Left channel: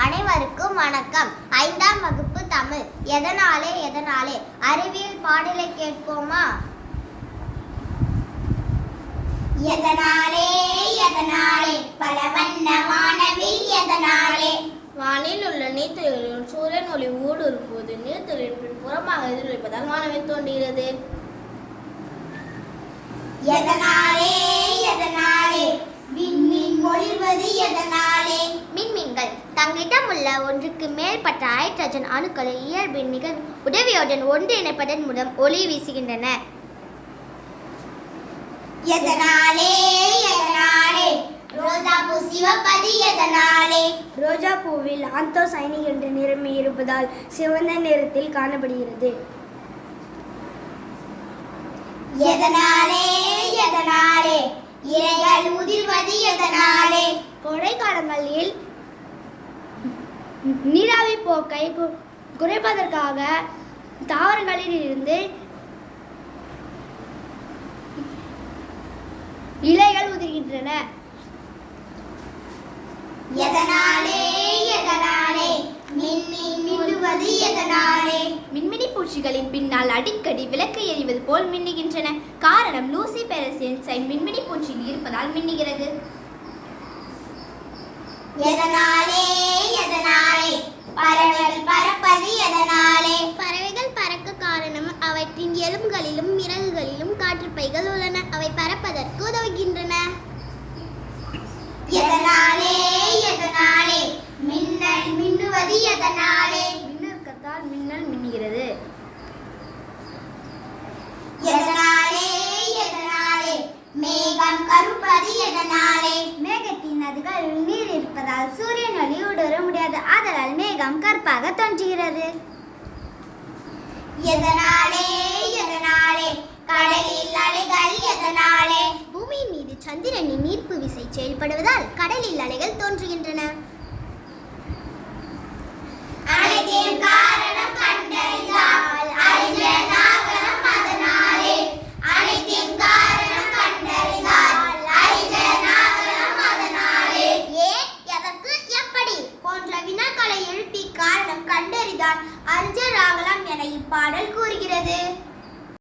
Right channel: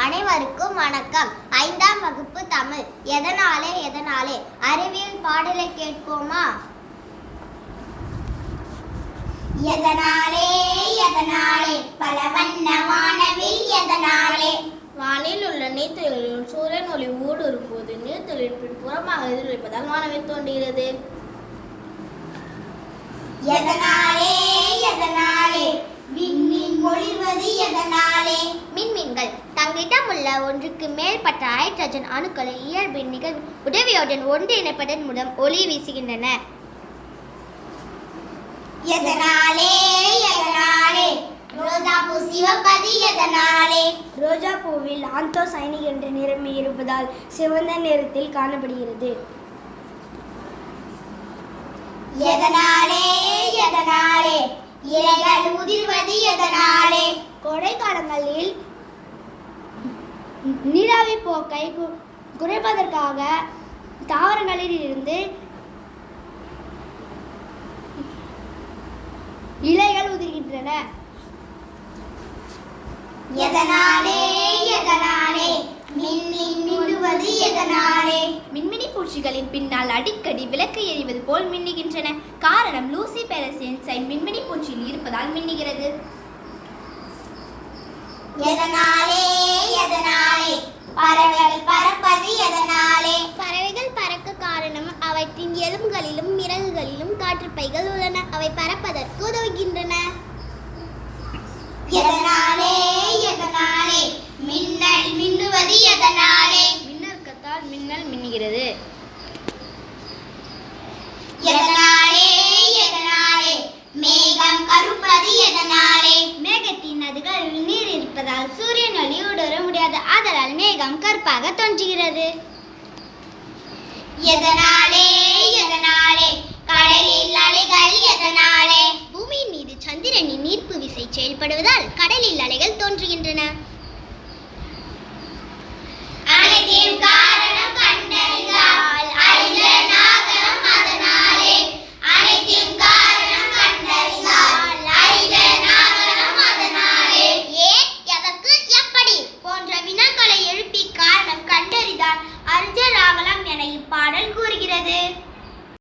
அனைவருக்கும் வணக்கம். 5ஆம் வகுப்பு தமிழ். எதனாலே அறிவியல் பாடலை கேட்போமா? எதனாலே பல வண்ண வானவில் எதனாலே வானில் உள்ள நீர்த்துளிகளில் சூரியன் ஒளி ஊடுருவும்போது நீர்த்துளியின் பின்புறமாக எதிரொலிப்பதால் வானவில் தோன்றுகிறது. எதனாலே விண்மீன் ஒளிர்வது எதனாலே மின்மீன்கள் தங்களிடம் உள்ள ஒன்றுக்கு மேற்பட்ட ஹைட்ரஜன் அணுக்களின் இயல்பின் நிகழ்வு உதவியுடன் ஒன்று இணைப்பதன் மூலம் ஒளி வீசுகின்றன. எதனாலே ரோஜா பூ சிவப்பது எதனாலே ரோஜா பூவில் ஆந்தோசைனிக் என்ற நிறமி இருப்பதால் சிவந்த நிறத்தில் காணப்படுகிறது. எதனாலே இலைகள் உதிர்வது எதனாலே கோடை காலங்களில் நீராவி போக்கை குறைப்பதற்காக தாவரங்களில் இருந்து இலைகள் உதிர்கின்றன. எதனாலே மின்மீன் மின்னுவது எதனாலே மின்மினி பூச்சிகளின் பின்னால் அடிக்கடி விளக்கு எறிவது போல் மின்னுகின்றன. காரணம் லூசிபெரஸ் என்சைம் மின்மினி பூச்சியில் இருப்பதால் மின்னுகிறது. எதனாலே பறவைகள் பறப்பது எதனாலே பறவைகள் பறக்க காரணம் அவற்றின் எலும்புகளிலும் இறகுகளிலும் காற்றுப்பைகள் உள்ளன. அவை பறப்பதற்கு உதவுகின்றன. எதனாலே மின்னல் மின்னுவது எதனாலே மின்னற்கத்தால் மின்னல் மின்னுகிறது. எதனாலே மேகம் கருப்பது எதனாலே மேகத்தின் நதிகளில் நீர் இருப்பதால் சூரியன் ஒளி ஊடுருவ முடியாது. ஆதலால் மேகம் கருப்பாக தோன்றுகிறது. எதனாலே கடலில் அலைகள் எதனாலே பூமியின் மீது சந்திரனின் ஈர்ப்பு விசை செயல்படுவதால் கடலில் அலைகள் தோன்றுகின்றன. அனைத்தையும்